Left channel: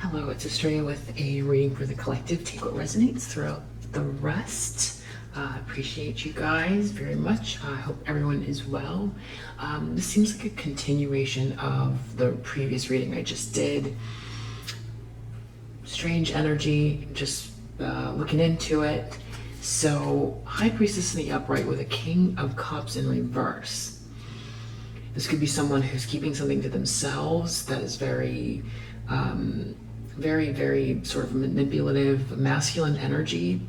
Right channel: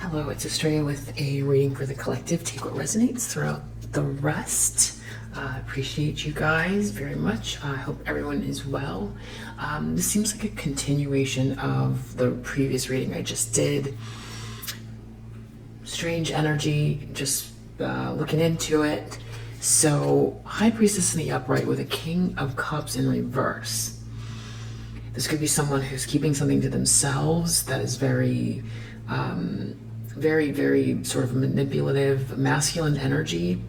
Hello, it's Estrella with a reading for the collective. Take what resonates throughout the rest. Appreciate you guys very much. I hope everyone is well. This seems like a continuation of the previous reading I just did. Strange energy, just looking into it. So, High Priestess in the upright with a King of Cups in reverse. This could be someone who's keeping something to themselves that is very sort of manipulative, masculine energy.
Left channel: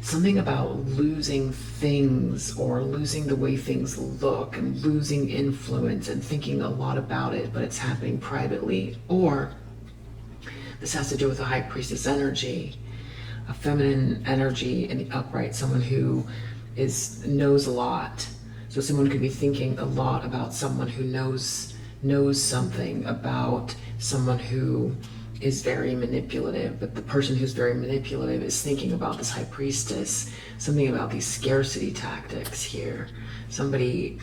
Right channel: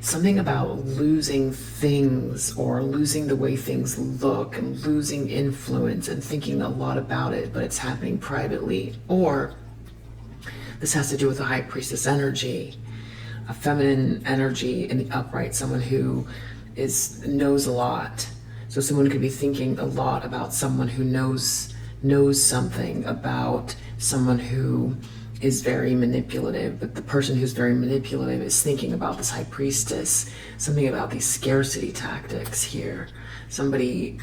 Something about losing things or losing the way things look and losing influence and thinking a lot about it, but it's happening privately. Or this has to do with the High Priestess energy, a feminine energy in the upright, someone who knows a lot. So someone could be thinking a lot about someone who knows something about someone who is very manipulative, but the person who's very manipulative is thinking about this High Priestess, something about these scarcity tactics here. Somebody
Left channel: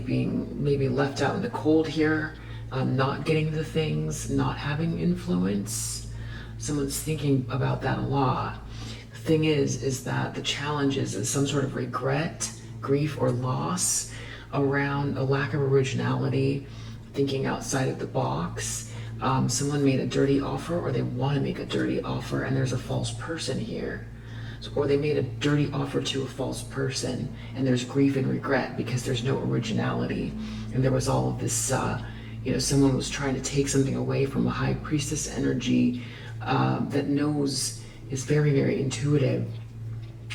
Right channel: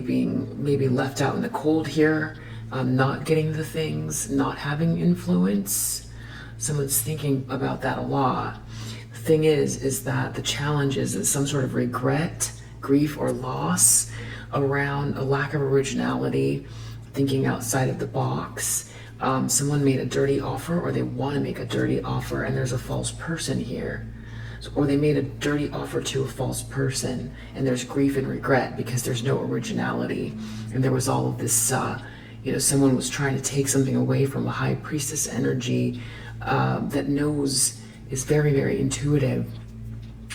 being maybe left out in the cold here, not getting the things, not having influence. Someone's thinking about that a lot. The thing is that the challenge is some sort of regret, grief, or loss around a lack of originality, thinking outside of the box. Someone made a dirty offer, or they want to make a dirty offer, and there's a false person here. Or they made a dirty offer to a false person, and there's grief and regret because there's no originality. And there was all of this, someone was trying to take something away from a High Priestess energy that knows, is very, very intuitive,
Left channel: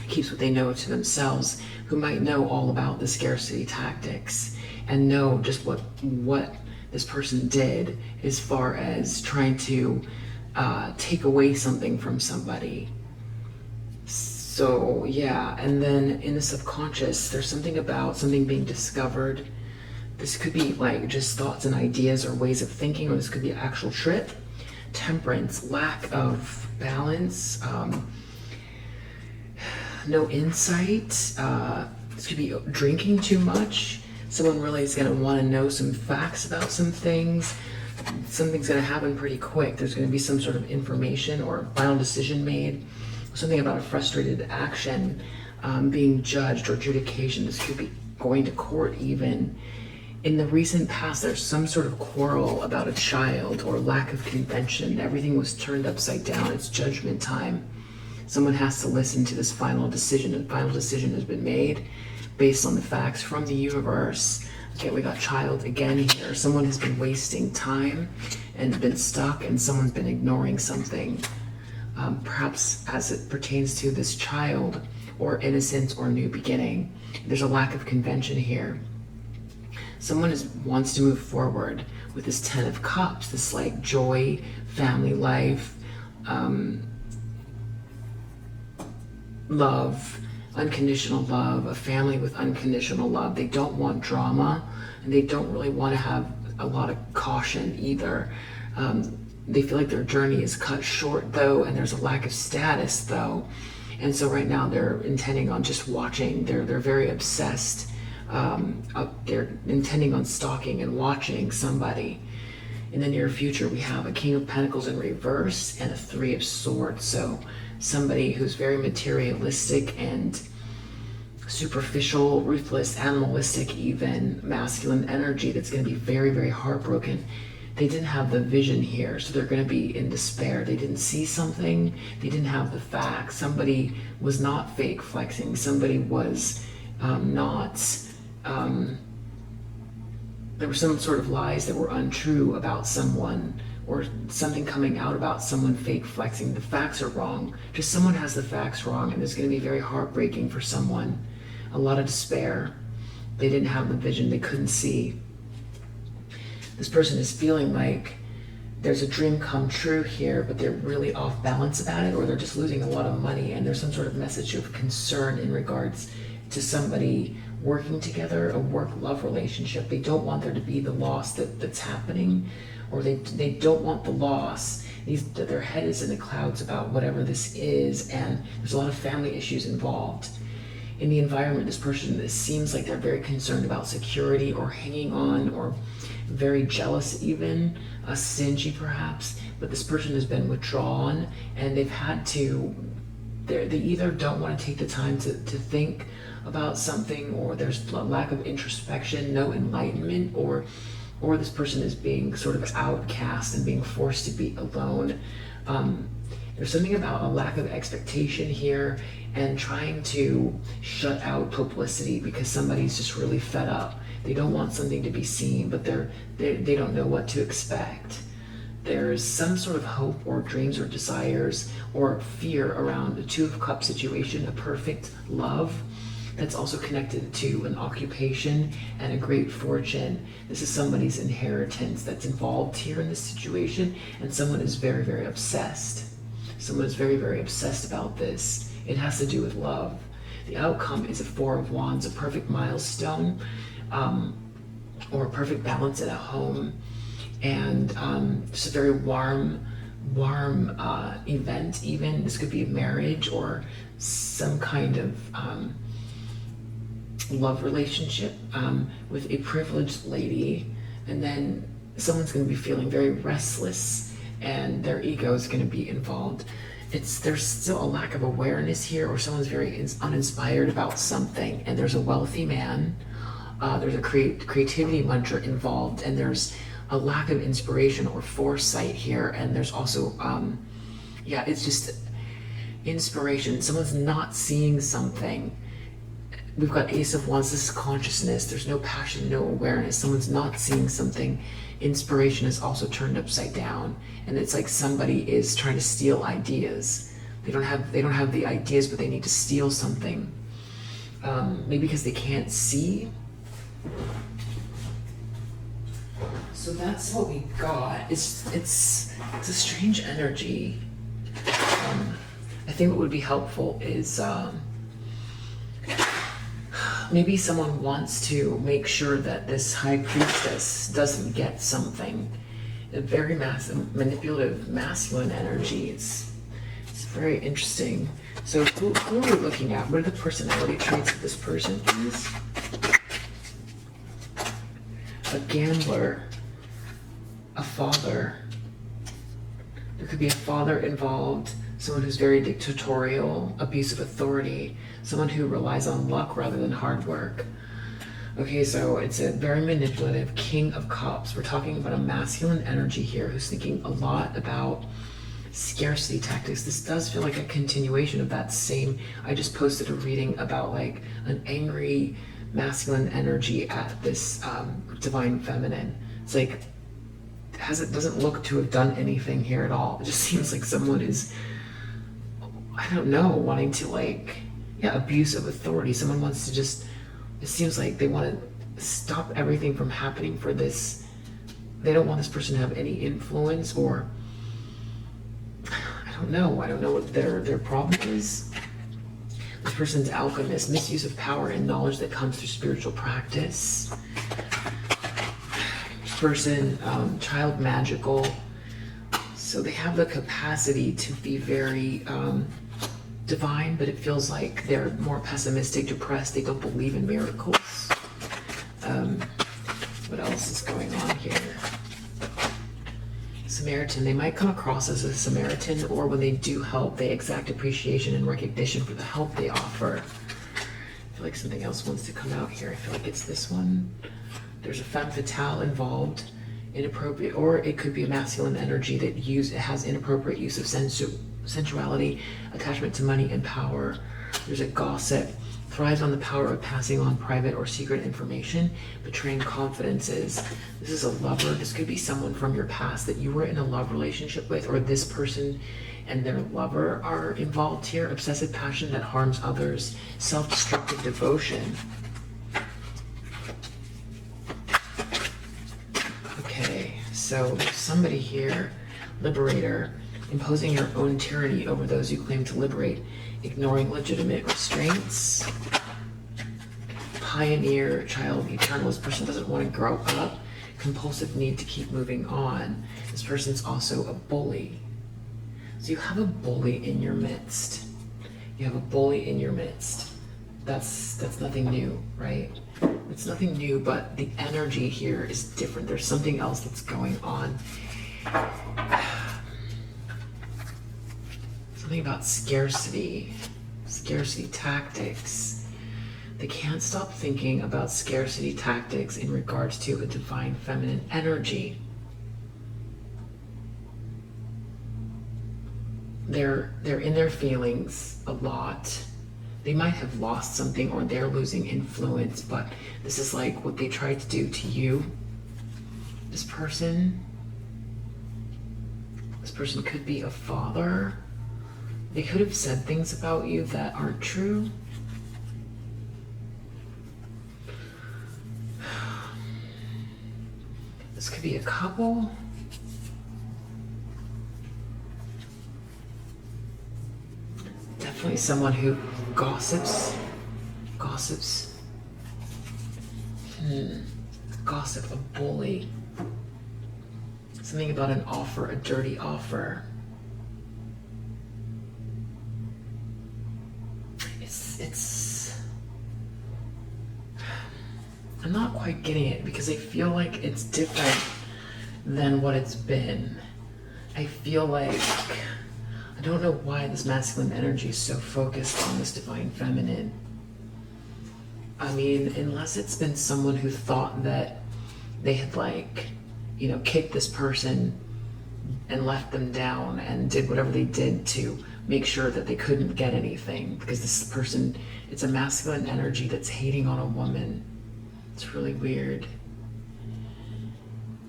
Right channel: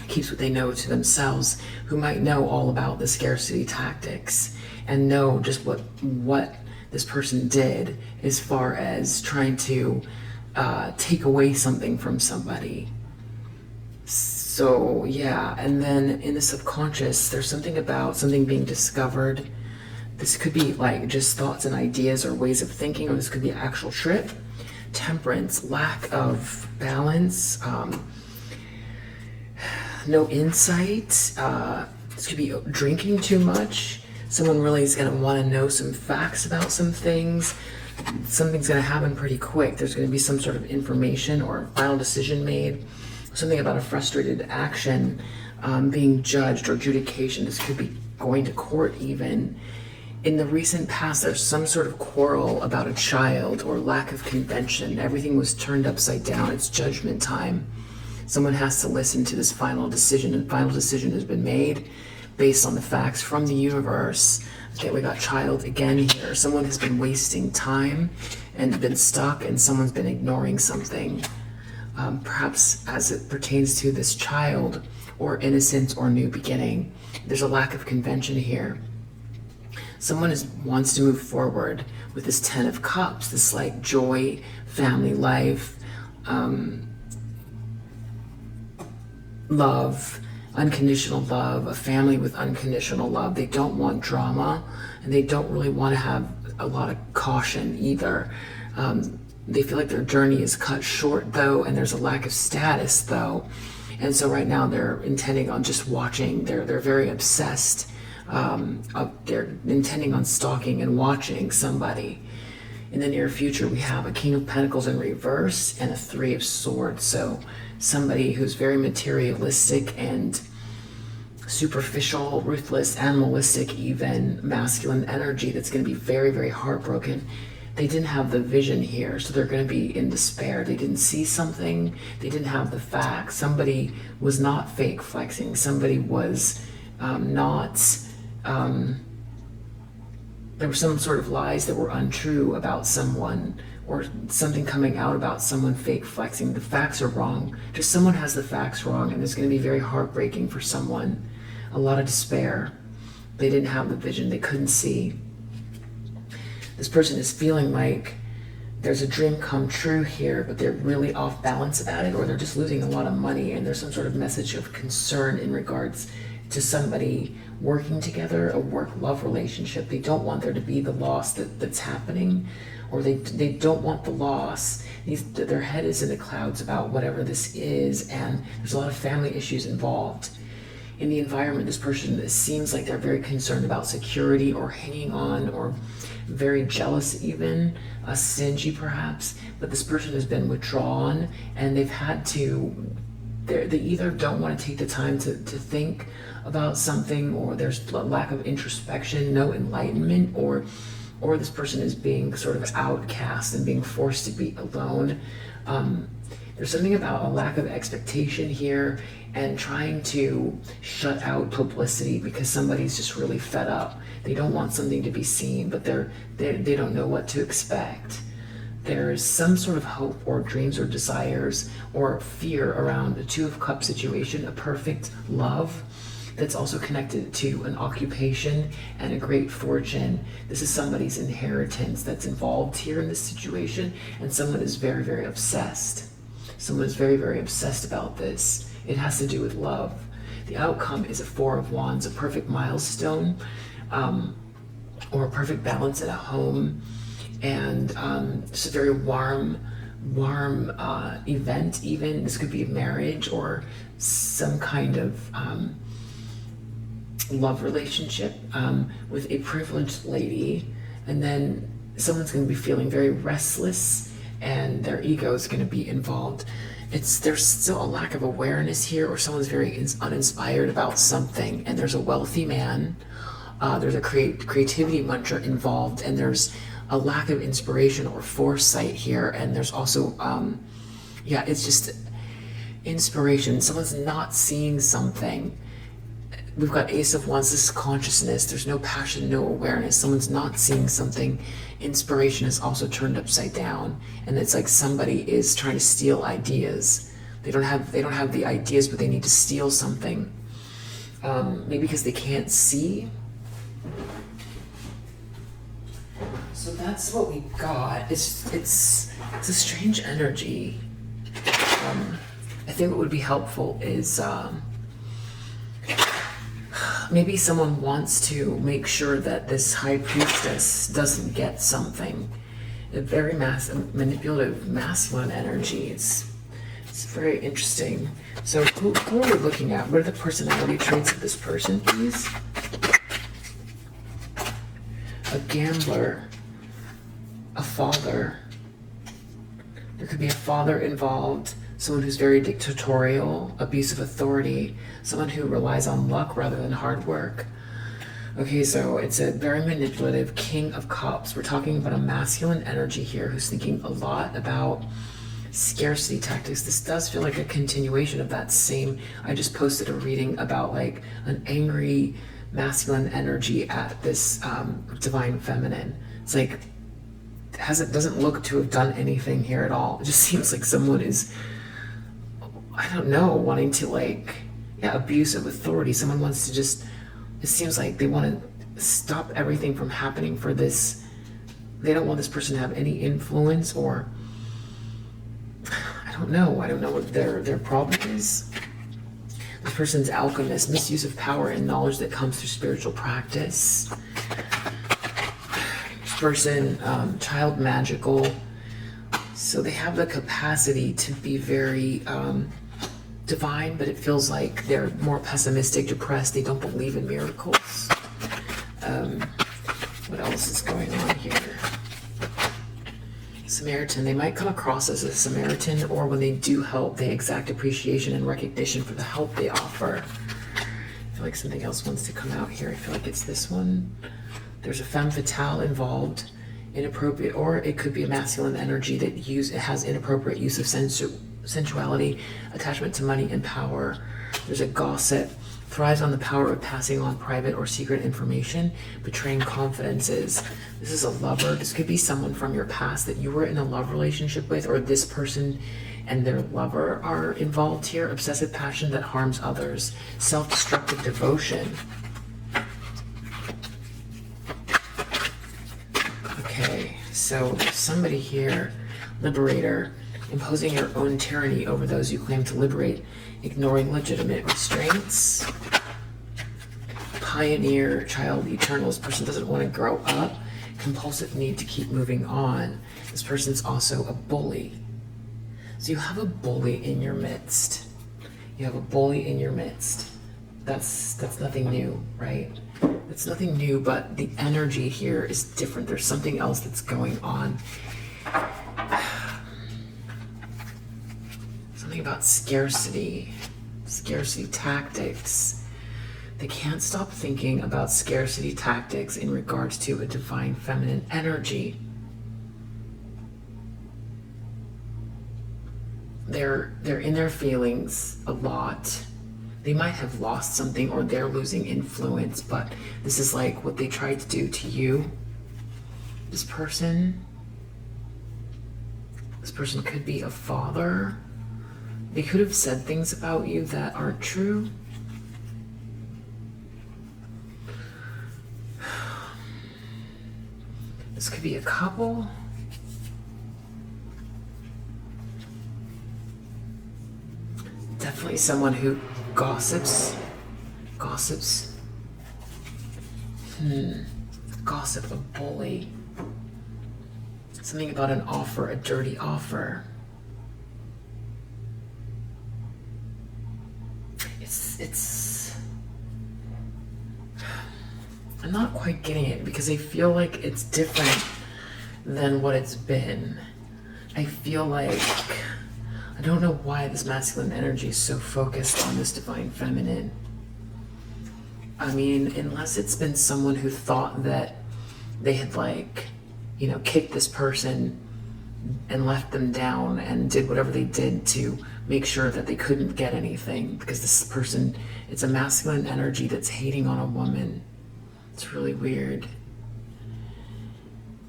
keeps what they know to themselves, who might know all about the scarcity tactics and know just what this person did as far as trying to take away something from somebody. So yeah, and then in the subconscious, there's something about something being discovered. This could be like just thoughts and ideas or ways of thinking, or this could be an actual trip. Temperance, lack of balance, no insight. This could be drinking too much. Someone really is going to want to know some facts about some things. Something's going to happen pretty quick. There's going to be some sort of information or a final decision made. Something about a frustrated action, being judged, or adjudication. This could be going to court even. In the recent past, there's some sort of quarrel about a child or lack of convention. Everything was turned upside down. It's judgment time. Someone has to listen to this final decision, and final decision has been made based on the facts from the universe. Okay, we got child again here. Someone has been wasting time and been stuck, and someone's been ignoring something. Perhaps as it pertains to this child, or innocence, or new beginning. There's a lack of convention here. Someone wants to move forward with this Ten of Cups, this like joy, family life, love, unconditional love, a family with unconditional love. They don't want drama, and they don't really want to have a lot of caution either. They feel like their journey is cut short though, and there's a lack of status though. And so right now they're intending on just watching. They're very obsessed. They're intending on stalking and watching somebody. In the near future, we have a King of Pentacles in reverse and a Three of Swords. So somebody who's very materialistic and superficial, ruthless, animalistic even, masculine energy that's going to be very, very heartbroken. They didn't have the vision here, so they're going to be in despair. They didn't see something. They didn't have the facts. Somebody was not fake flexing. Somebody was there were some sort of lies that were untrue about someone, or something coming out about someone fake flexing. The facts are wrong. Just someone has the facts wrong, and it's going to be very heartbreaking for someone. A lot of despair. They didn't have the vision. They couldn't see. This person is feeling like there's a dream come true here, but they're really off balance about it, or they're just losing a lot of money, and there's some sort of message of concern in regards to somebody working together, a work-love relationship. They don't want there to be the loss that's happening, or they don't want the loss. Their head is in the clouds about whatever this is, and there's a lot of family issues involved. in the environment, this person seems like they're very concerned about security or hanging on, or very jealous even, stingy perhaps, but this person has been withdrawn and they've had to, they either don't want to take the time to think about something, or there's a lack of introspection, no enlightenment, or this person is being sort of outcast and being forced to be alone. There's something about a lack of expectation here and trying to shut out publicity because somebody's just really fed up. They don't want something to be seen, but they don't know what to expect. There is some sort of hope or dreams or desires or fear around the Two of Cups situation, a perfect love that's also connected to an occupation and a great fortune. This is somebody's inheritance that's involved here in this situation, and someone is very, very obsessed. Someone is very, very obsessed about this. It has to do with love. The outcome is a Four of Wands, a perfect milestone, or a perfect balance in a home, and just a very warm event even. This could be marriage or some kind of love relationship with a privileged lady, and then someone's going to be feeling very restless and their ego is going to be involved. There's still a lack of awareness here, or someone's very uninspired about something, and there's a wealthy man, there's a creativity mantra involved, and there's a lack of inspiration or foresight here, and there's also it's just inspiration. Someone's not seeing something. We've got Ace of Wands, this is consciousness. There's no passion, no awareness. Someone's not seeing something. Inspiration is also turned upside down. And it's like somebody is trying to steal ideas. They don't have the ideas, but they need to steal something. Maybe because they can't see. So that's what we got. It's a strange energy. I think what would be helpful is maybe someone wants to make sure that this High Priestess doesn't get something. A very manipulative, masculine energy. It's very interesting. So who are we looking at? What are the personality traits of this person, please? A gambler, a father. There could be a father involved, someone who's very dictatorial, abuse of authority, someone who relies on luck rather than hard work. Okay, so it's a very manipulative King of Cups. We're talking about a masculine energy here who's thinking a lot about scarcity tactics. This does feel like a continuation of that same, I just posted a reading about like an angry masculine energy at this divine feminine. It's like, doesn't look to have done anything here at all. It just seems like someone is, I don't know, wanting to abuse of authority. Someone wants to just, it seems like they want to stop everything from happening for this. They don't want this person to have any influence, or I don't know what their problem is. This person's alchemist, misuse of power and knowledge that comes through spiritual practice. This person, child magical. So they have the capacity to be very divine, but it feels like they're more pessimistic, depressed. They don't believe in miracles. What else is going on here? Samaritan. They might come across as a Samaritan, or when they do help, they exact appreciation and recognition for the help they offer. I feel like something else wants to come out here. I feel like it's this one. There's a femme fatale involved, inappropriate, or it could be a masculine energy that has inappropriate use of sensuality, attachment to money and power. There's a gossip, thrives on the power of passing on private or secret information, betraying confidences. This is a lover. This could be someone from your past that you were in a love relationship with, or this person and their lover are involved here. Obsessive passion that harms others, self-destructive devotion. Okay, so there's somebody here, liberator, imposing your own tyranny over those you claim to liberate, ignoring legitimate restraints. Pioneer, child, eternal. This person doesn't want to grow up. Compulsive need to keep moving on. This person's also a bully. So you have a bully in your midst. You have a bully in your midst. That's nothing new, right? It's nothing new, but the energy here is different. There's something else that's going on. Something about scarcity tactics. They can't stop thinking about scarcity tactics in regards to a divine feminine energy. They're in their feelings a lot. They might have lost something, or they're losing influence, but this is like what they tried to do to you. This person could be a father. They could have said things about you that aren't true. This could be a couple. Definitely someone who gossips. Gossip, a bully. Something about an offer, a dirty offer. It's I'm not quite getting it because I feel like it's different than what it's been. I feel like I don't know why this masculine energy is so focused on this divine feminine. I mean, unless it's been someone who thought that they had kicked this person and left them down and did whatever they did to make sure that they couldn't get anything, because this person, it's a masculine energy that's hating on a woman. It's really weird.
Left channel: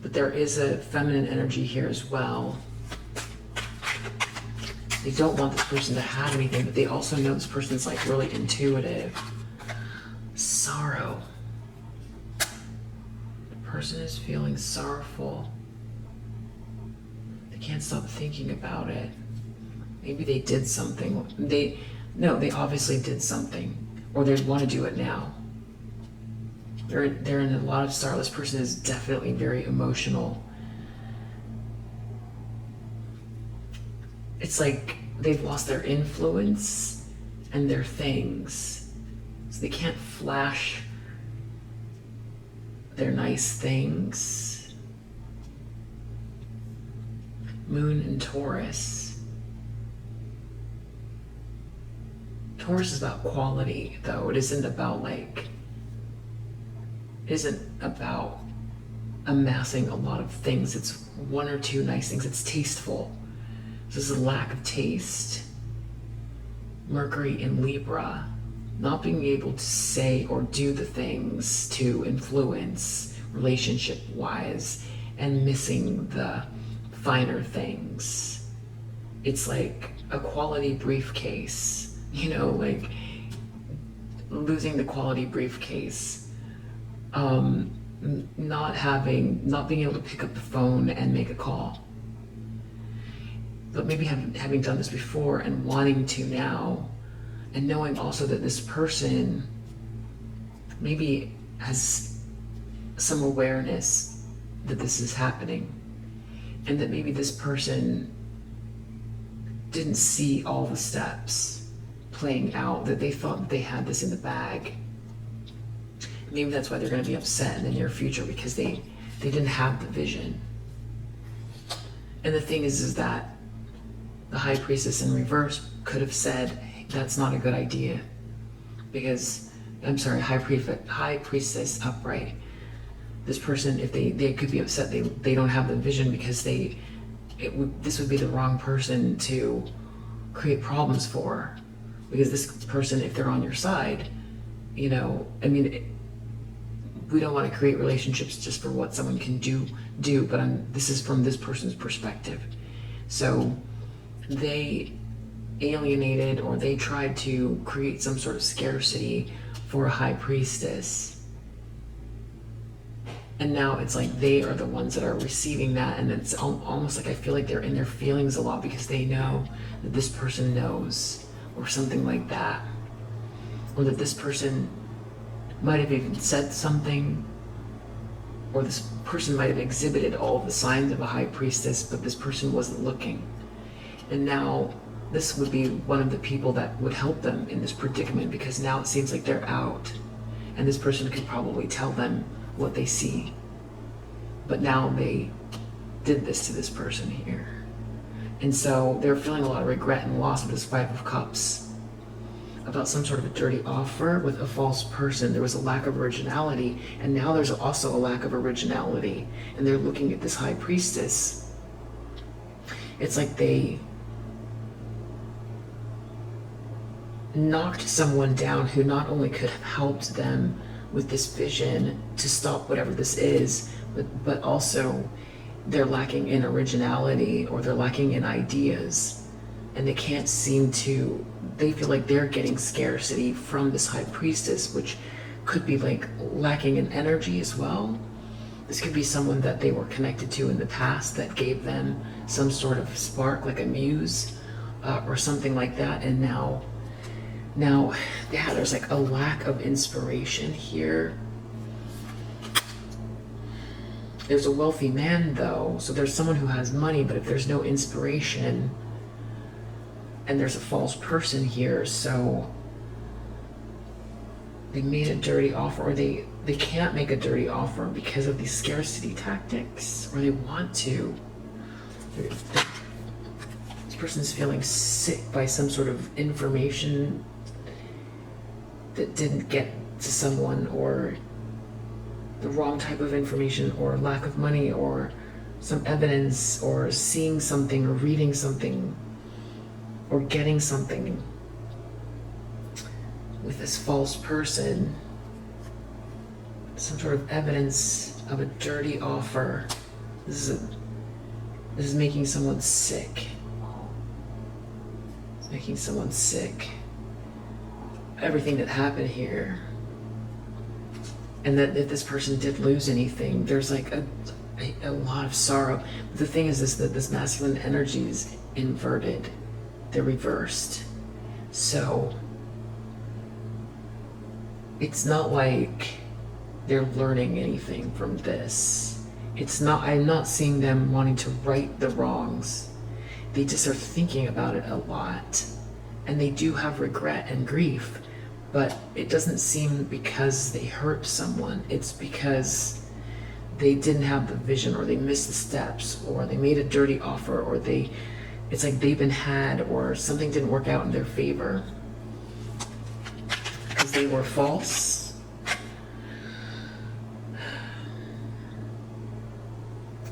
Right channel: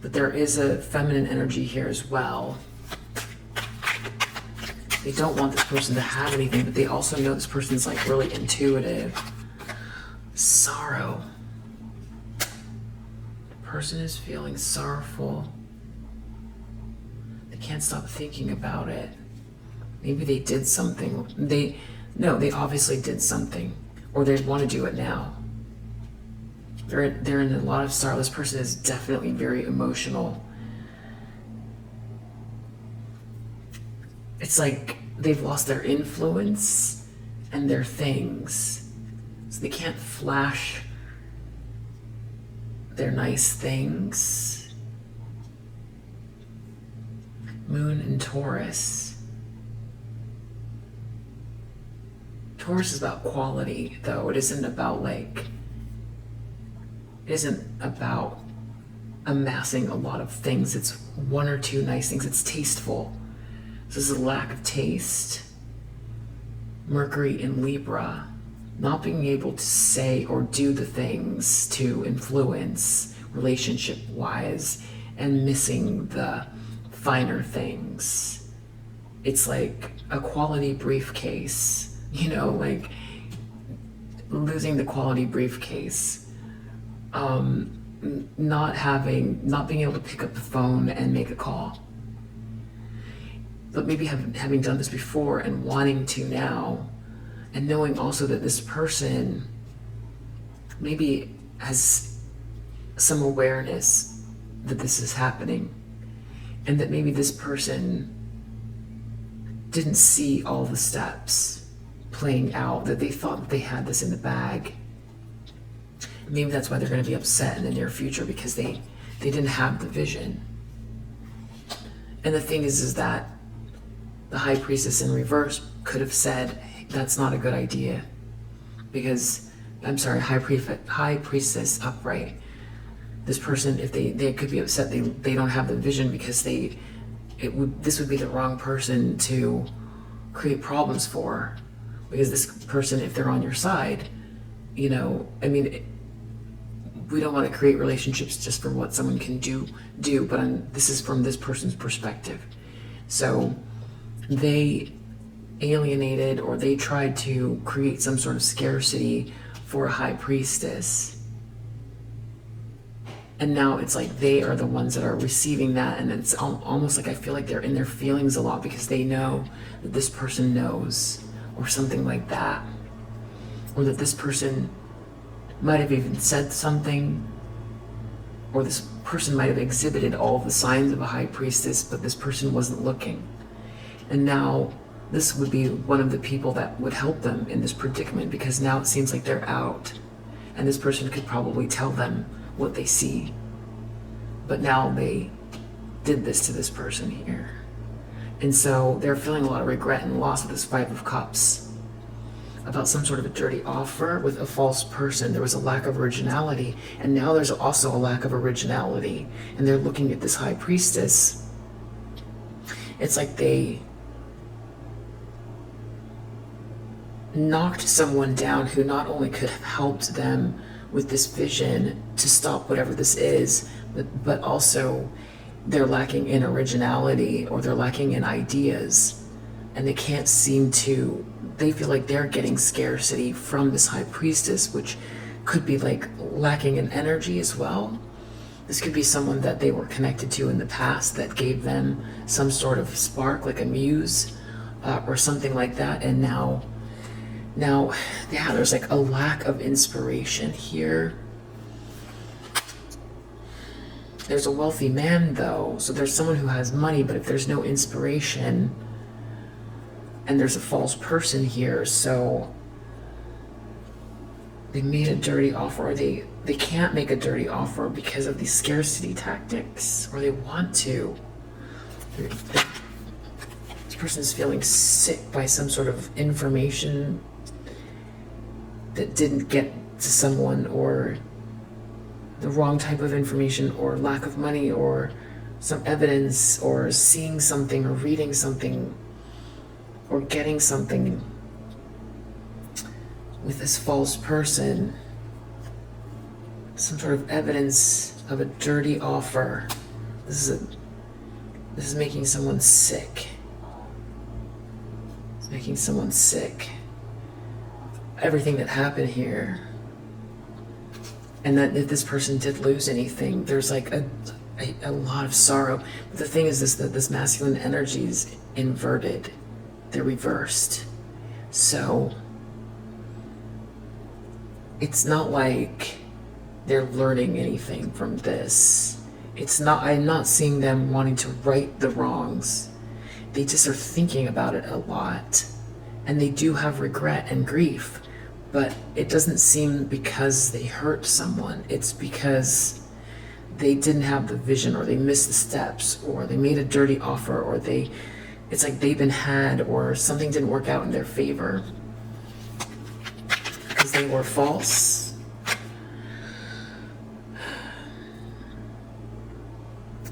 But there is a feminine energy here as well. They don't want this person to have anything, but they also know this person's like really intuitive. Sorrow. The person is feeling sorrowful. They can't stop thinking about it. Maybe they did something. They obviously did something, or they want to do it now. They're in a lot of sorrow. This person is definitely very emotional. It's like they've lost their influence and their things. So they can't flash their nice things. Moon and Taurus. Taurus is about quality, though. It isn't about amassing a lot of things. It's one or two nice things. It's tasteful. So this is a lack of taste. Mercury in Libra. Not being able to say or do the things to influence relationship-wise, and missing the finer things. It's like a quality briefcase. Like losing the quality briefcase, not being able to pick up the phone and make a call, but maybe having done this before and wanting to now, and knowing also that this person maybe has some awareness that this is happening, and that maybe this person didn't see all the steps playing out, that they thought that they had this in the bag. Maybe that's why they're going to be upset in the near future, because they didn't have the vision. And the thing is that the High Priestess in reverse could have said, hey, that's not a good idea, because High Priestess upright. This person, if they could be upset, they don't have the vision, because this would be the wrong person to create problems for. Because this person, if they're on your side, we don't want to create relationships just for what someone can do, but this is from this person's perspective. So they alienated, or they tried to create some sort of scarcity for a High Priestess. And now it's like they are the ones that are receiving that, and it's almost like I feel like they're in their feelings a lot, because they know that this person knows, or something like that. Or that this person might have even said something, or this person might have exhibited all of the signs of a High Priestess, but this person wasn't looking. And now this would be one of the people that would help them in this predicament, because now it seems like they're out. And this person could probably tell them what they see. But now they did this to this person here. And so they're feeling a lot of regret and loss with this Five of Cups about some sort of a dirty offer with a false person. There was a lack of originality, and now there's also a lack of originality. And they're looking at this High Priestess. It's like they knocked someone down who not only could have helped them with this vision to stop whatever this is, but also they're lacking in originality, or they're lacking in ideas, and they can't seem to, they feel like they're getting scarcity from this High Priestess, which could be like lacking in energy as well. This could be someone that they were connected to in the past that gave them some sort of spark, like a muse or something like that. And now, yeah, there's like a lack of inspiration here. There's a wealthy man though, so there's someone who has money, but if there's no inspiration, and there's a false person here, so they made a dirty offer, or they can't make a dirty offer because of these scarcity tactics, or they want to. This person's feeling sick by some sort of information that didn't get to someone, or the wrong type of information, or lack of money, or some evidence, or seeing something, or reading something, or getting something with this false person. Some sort of evidence of a dirty offer. This is making someone sick. It's making someone sick. Everything that happened here. And that if this person did lose anything, there's like a lot of sorrow. But the thing is that this masculine energy is inverted. They're reversed. So it's not like they're learning anything from this. I'm not seeing them wanting to right the wrongs. They just are thinking about it a lot. And they do have regret and grief. But it doesn't seem because they hurt someone. It's because they didn't have the vision, or they missed the steps, or they made a dirty offer, or it's like they've been had, or something didn't work out in their favor because they were false.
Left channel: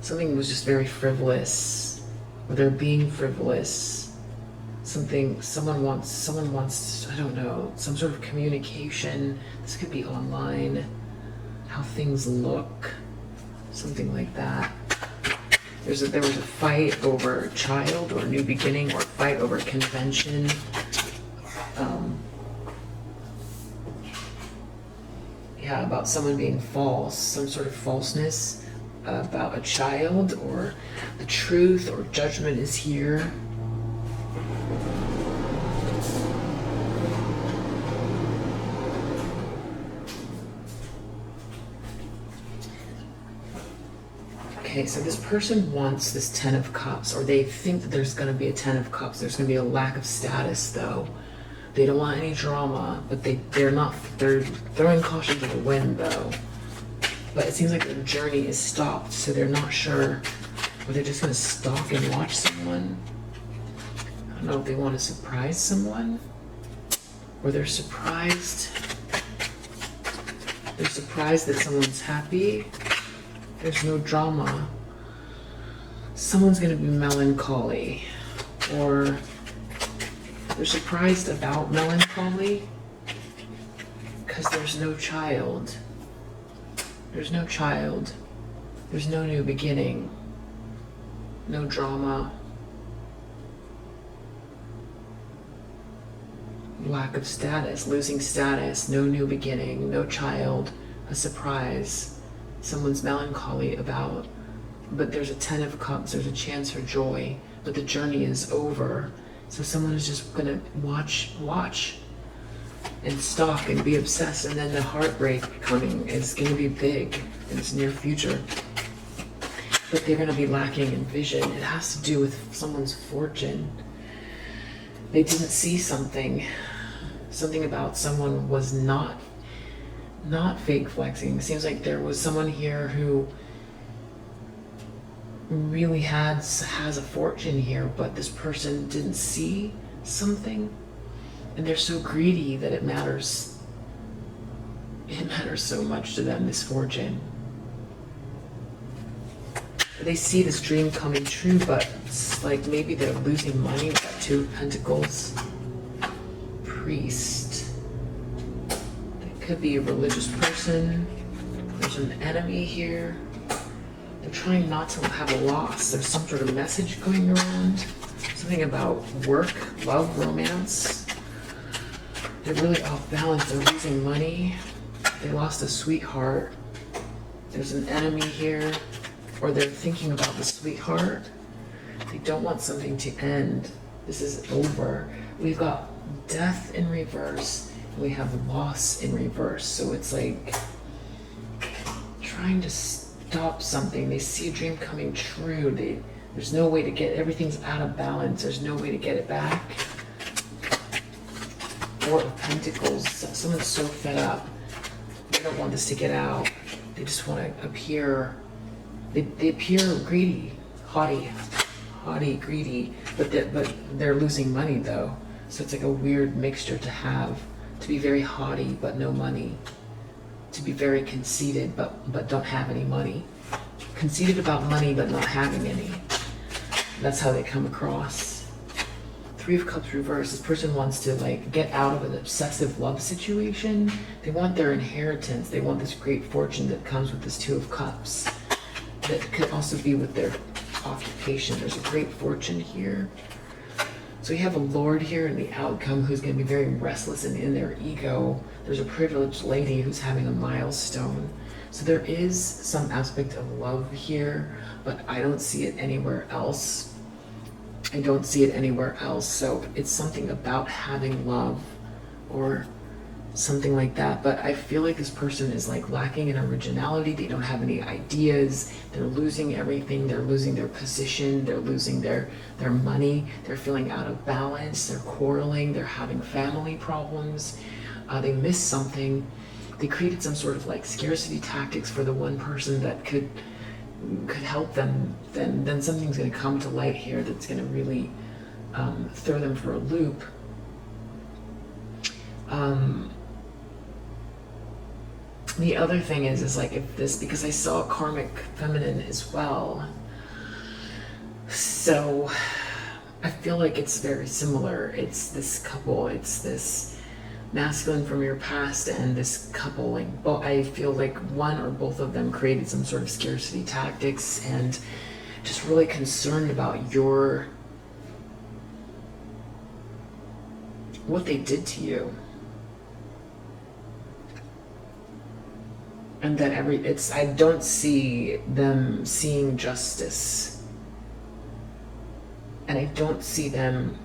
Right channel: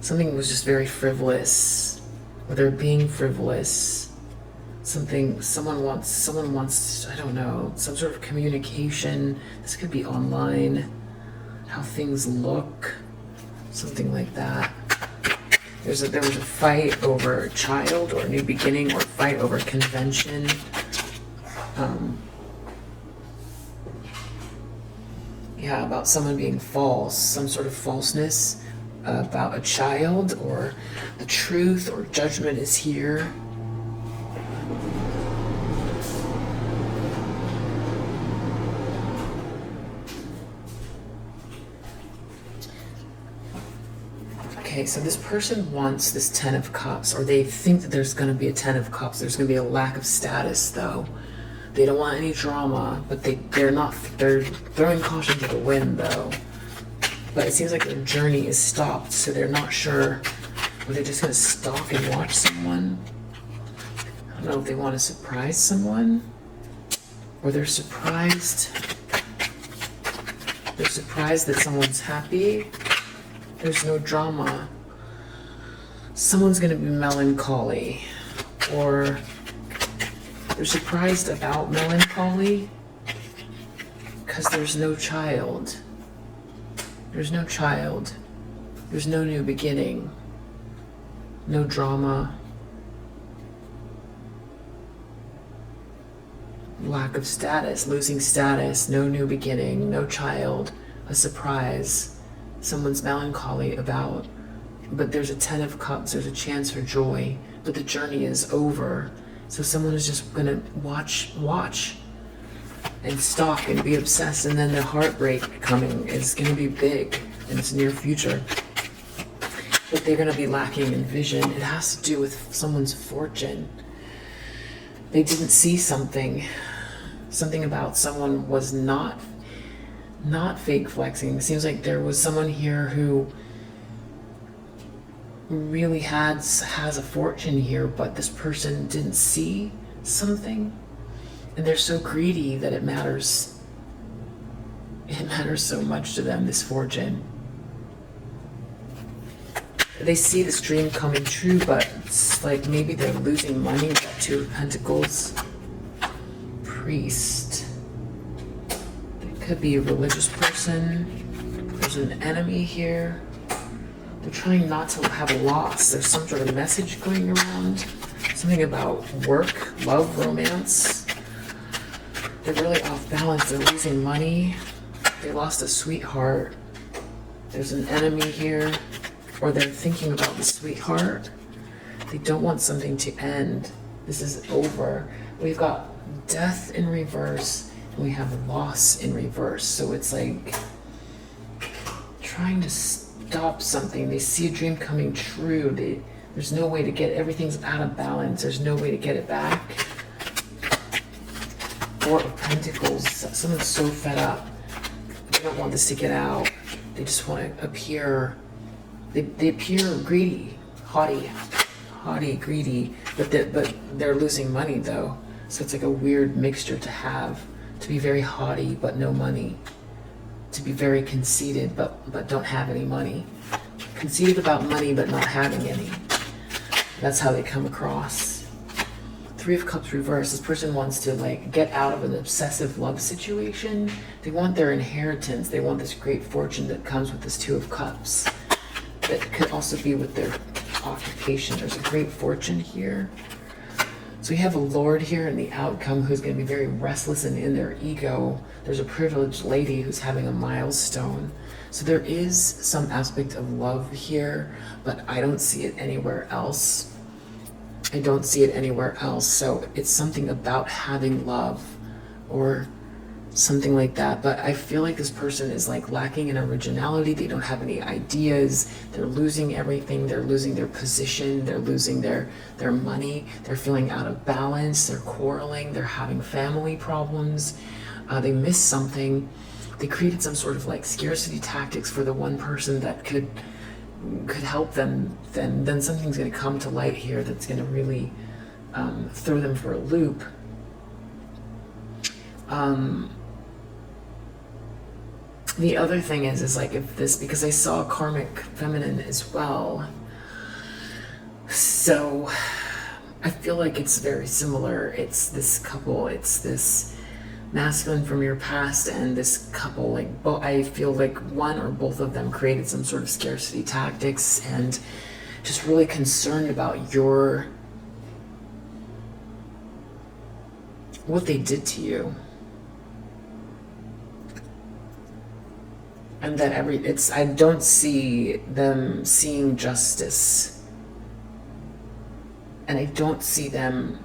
Something was just very frivolous, or they're being frivolous. Someone wants, I don't know, some sort of communication. This could be online, how things look, something like that. There was a fight over a child, or a new beginning, or a fight over convention. Yeah, about someone being false, some sort of falseness about a child, or the truth, or judgment is here. Okay, so this person wants this Ten of Cups, or they think that there's going to be a Ten of Cups. There's going to be a lack of status, though. They don't want any drama, but they're throwing caution to the wind, though. But it seems like their journey is stopped, so they're not sure whether they're just going to stalk and watch someone. I don't know if they want to surprise someone, or they're surprised. They're surprised that someone's happy. There's no drama. Someone's going to be melancholy, or they're surprised about melancholy because there's no child. There's no child. There's no new beginning. No drama. Lack of status, losing status, no new beginning, no child, a surprise. Someone's melancholy about, but there's a Ten of Cups, there's a chance for joy, but the journey is over. So someone is just gonna watch and stalk and be obsessed, and then the heartbreak coming is gonna be big, and it's near future. But they're gonna be lacking in vision. It has to do with someone's fortune. they didn't see something. Something about someone was not fake flexing. It seems like there was someone here who really has a fortune here, but this person didn't see something, and they're so greedy that it matters so much to them, this fortune. They see this dream coming true, but it's like maybe they're losing money with that Two of Pentacles. Priest. It could be a religious person. There's an enemy here. They're trying not to have a loss. There's some sort of message going around. Something about work, love, romance. They're really off balance. They're losing money. They lost a sweetheart. There's an enemy here. Or they're thinking about the sweetheart. They don't want something to end. This is over. We've got death in reverse. And we have loss in reverse. So it's like trying to stop something. They see a dream coming true. There's no way to get it. Everything's out of balance. There's no way to get it back. Four of Pentacles. Someone's so fed up. They don't want this to get out. They just want to appear. They appear greedy, haughty, greedy, but they're losing money though. So it's like a weird mixture to have. To be very haughty but no money. To be very conceited but don't have any money. Conceited about money but not having any. That's how they come across. Three of Cups reversed. This person wants to like get out of an obsessive love situation. They want their inheritance. They want this great fortune that comes with this Two of Cups. That could also be with their occupation. There's a great fortune here. So we have a Lord here in the outcome who's going to be very restless and in their ego. There's a privileged lady who's having a milestone. So there is some aspect of love here, but I don't see it anywhere else. I don't see it anywhere else. So it's something about having love or something like that. But I feel like this person is like lacking in originality. They don't have any ideas. They're losing everything. They're losing their position. They're losing their money. They're feeling out of balance. They're quarreling. They're having family problems. They missed something. They created some sort of like scarcity tactics for the one person that could help them. Then something's going to come to light here that's going to really throw them for a loop. The other thing is like if this, because I saw karmic feminine as well, so I feel like it's very similar. It's this couple, it's this masculine from your past and this couple, like I feel like one or both of them created some sort of scarcity tactics and just really concerned about what they did to you. And then I don't see them seeing justice. And I don't see them,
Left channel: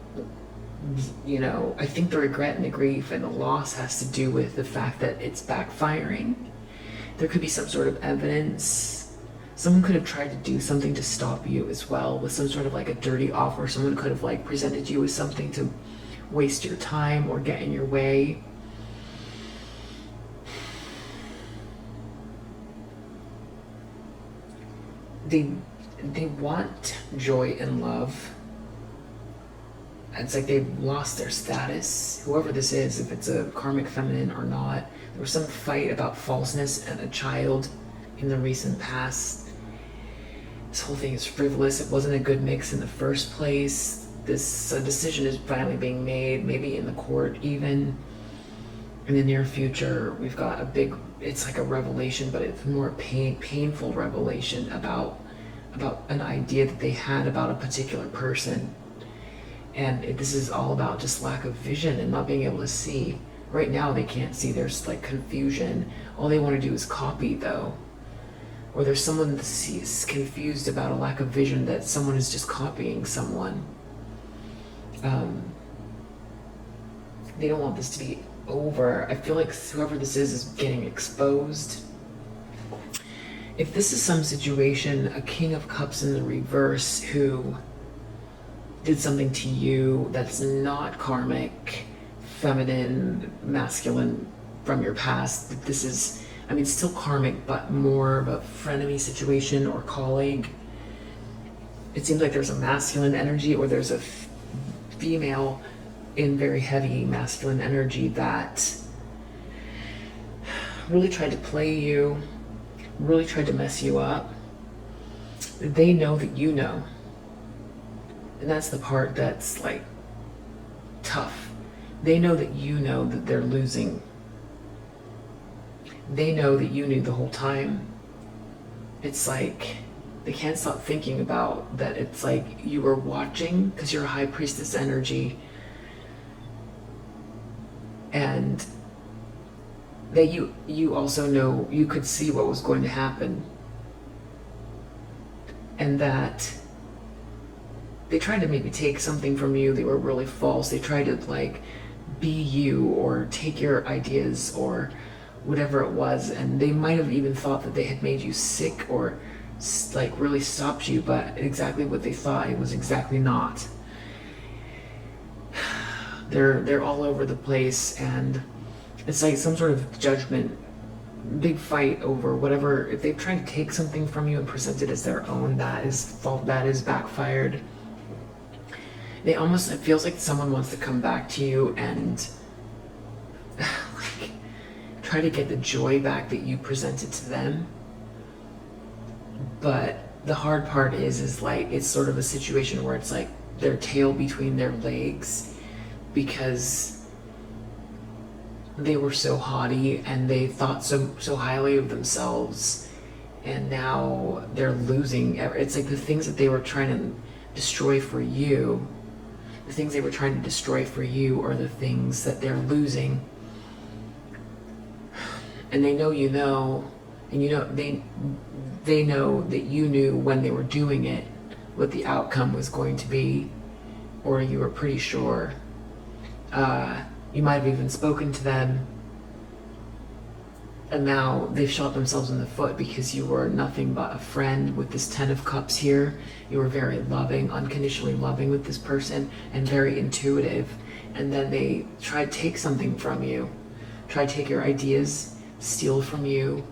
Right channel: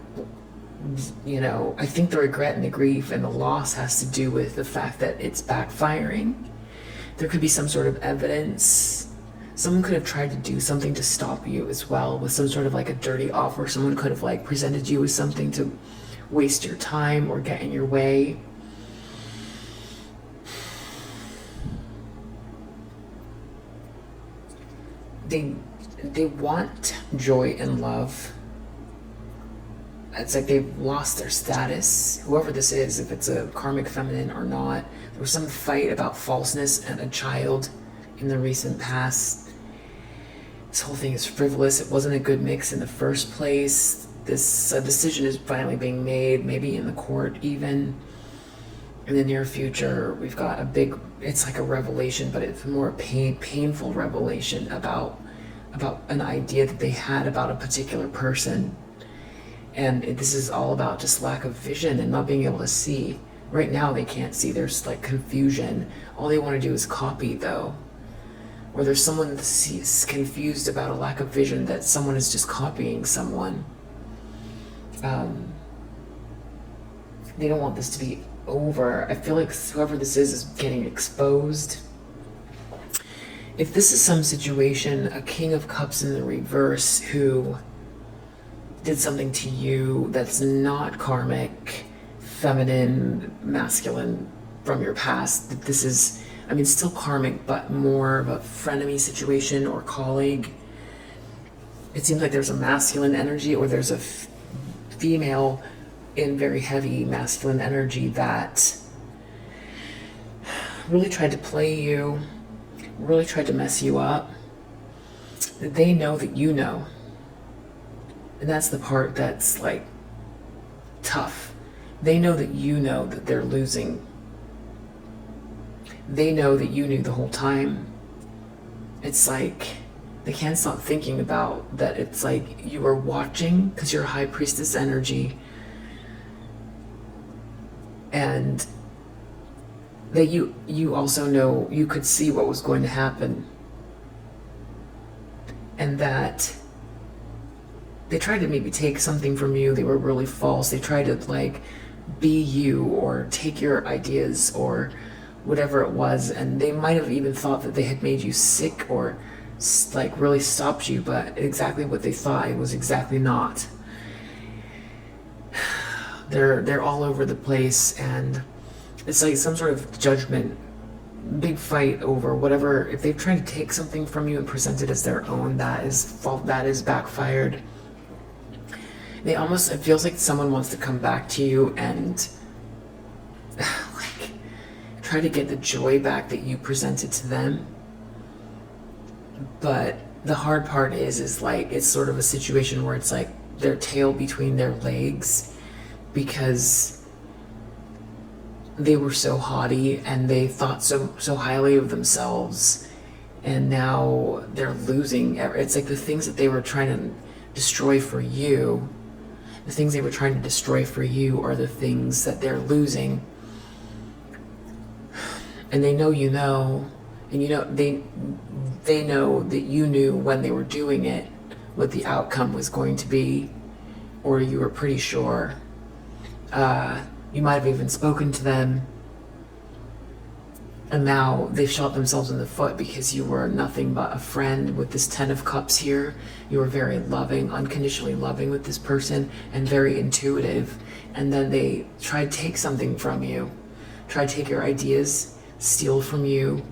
I think the regret and the grief and the loss has to do with the fact that it's backfiring. There could be some sort of evidence. Someone could have tried to do something to stop you as well with some sort of like a dirty offer. Someone could have like presented you with something to waste your time or get in your way. They want joy and love. It's like they've lost their status. Whoever this is, if it's a karmic feminine or not. There was some fight about falseness and a child in the recent past. This whole thing is frivolous. It wasn't a good mix in the first place. This decision is finally being made, maybe in the court even. In the near future, we've got it's like a revelation, but it's more a painful revelation about an idea that they had about a particular person. And this is all about just lack of vision and not being able to see. Right now they can't see. There's like confusion. All they want to do is copy though. Or there's someone that's confused about a lack of vision, that someone is just copying someone. They don't want this to be over. I feel like whoever this is getting exposed. If this is some situation, a King of Cups in the reverse who did something to you that's not karmic, feminine, masculine from your past. That this is, I mean, still karmic, but more of a frenemy situation or colleague. It seems like there's a masculine energy, or there's a female in very heavy masculine energy that really tried to play you, really tried to mess you up. They know that you know. And that's the part that's like tough. They know that you know that they're losing. They know that you knew the whole time. It's like they can't stop thinking about that. It's like you are watching because you're a high priestess energy, and that you also know, you could see what was going to happen, and that they tried to maybe take something from you. They were really false. They tried to like be you or take your ideas or whatever it was, and they might have even thought that they had made you sick or like really stopped you, but exactly what they thought it was exactly not. They're all over the place, and it's like some sort of judgment, big fight over whatever. If they've tried to take something from you and present it as their own, that is fault, that is backfired. They almost, it feels like someone wants to come back to you and like try to get the joy back that you presented to them. But the hard part is like, it's sort of a situation where it's like their tail between their legs, because they were so haughty and they thought so highly of themselves, and now they're losing. It's like the things that they were trying to destroy for you, the things they were trying to destroy for you are the things that they're losing. And they know you know, and you know they know that you knew when they were doing it what the outcome was going to be, or you were pretty sure. You might have even spoken to them, and now they've shot themselves in the foot because you were nothing but a friend with this 10 of Cups here. You were very loving, unconditionally loving with this person, and very intuitive. And then they tried to take something from you, tried to take your ideas, steal from you.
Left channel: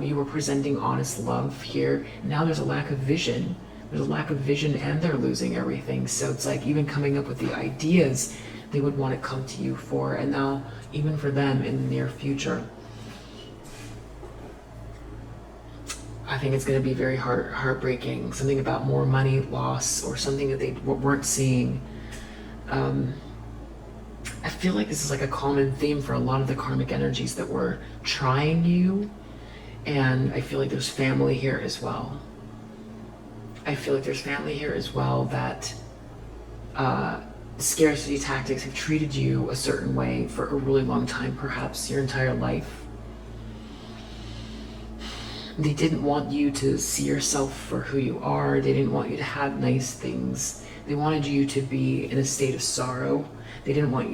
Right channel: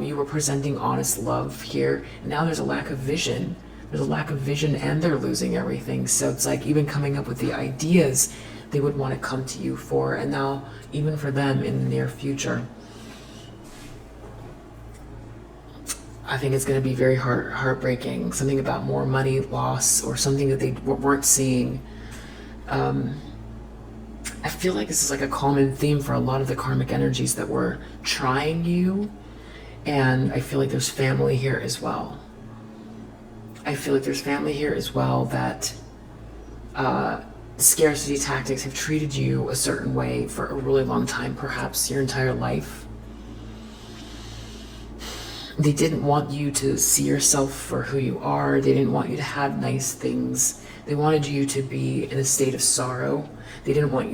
You were presenting honest love here, and now there's a lack of vision. There's a lack of vision, and they're losing everything. So it's like even coming up with the ideas they would want to come to you for, and now even for them in the near future, I think it's going to be very heartbreaking. Something about more money loss, or something that they weren't seeing. I feel like this is like a common theme for a lot of the karmic energies that were trying you, and I feel like there's family here as well. I feel like there's family here as well that scarcity tactics have treated you a certain way for a really long time, perhaps your entire life. They didn't want you to see yourself for who you are. They didn't want you to have nice things. They wanted you to be in a state of sorrow. They didn't want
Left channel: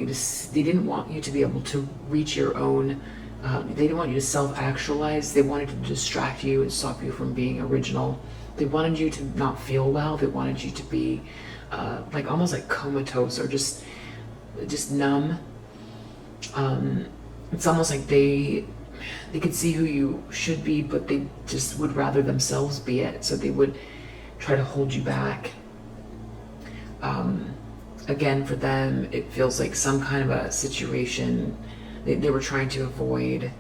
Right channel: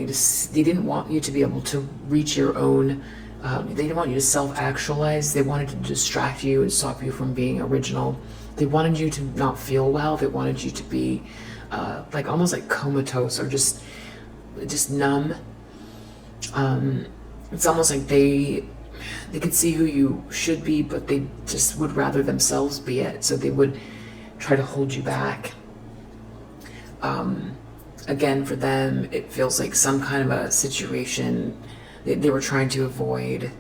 you to be able to reach your own. They didn't want you to self-actualize. They wanted to distract you and stop you from being original. They wanted you to not feel well. They wanted you to be like almost like comatose, or just numb. It's almost like they could see who you should be, but they just would rather themselves be it. So they would try to hold you back. Again, for them, it feels like some kind of a situation they were trying to avoid,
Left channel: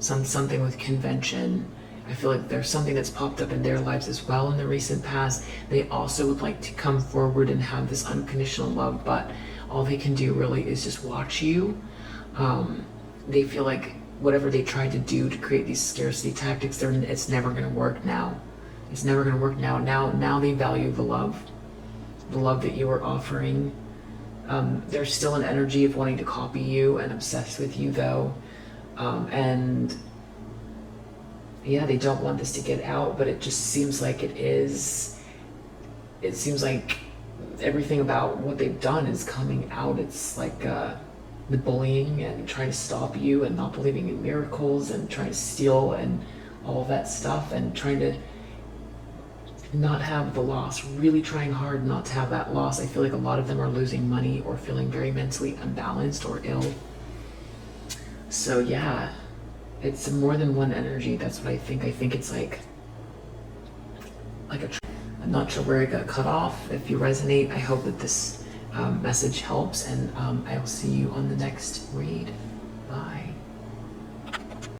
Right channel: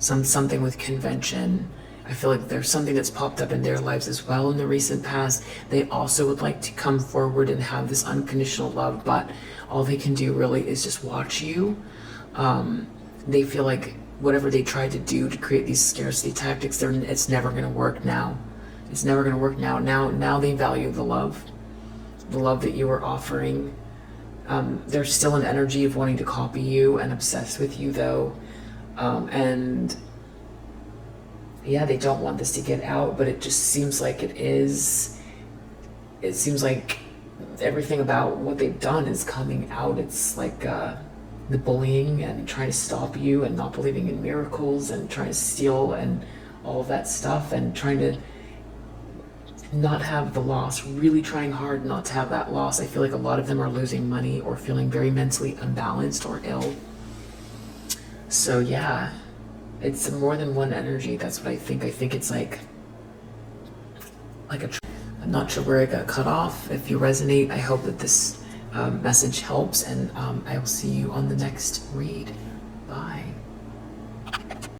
something with convention. I feel like there's something that's popped up in their lives as well in the recent past. They also would like to come forward and have this unconditional love, but all they can do really is just watch you. They feel like whatever they tried to do to create these scarcity tactics, it's never going to work now. It's never going to work now. Now they value the love that you are offering. There's still an energy of wanting to copy you and obsessed with you, though. And yeah, they don't want this to get out, but it just seems like it is. It seems like everything about what they've done is coming out. It's like the bullying and trying to stop you and not believing in miracles and trying to steal and all of that stuff, and trying to not have the loss, really trying hard not to have that loss. I feel like a lot of them are losing money or feeling very mentally unbalanced or ill. So yeah, it's more than one energy. That's what I think. I think it's like I'm not sure where it got cut off. If you resonate, I hope that this message helps, and I will see you on the next read.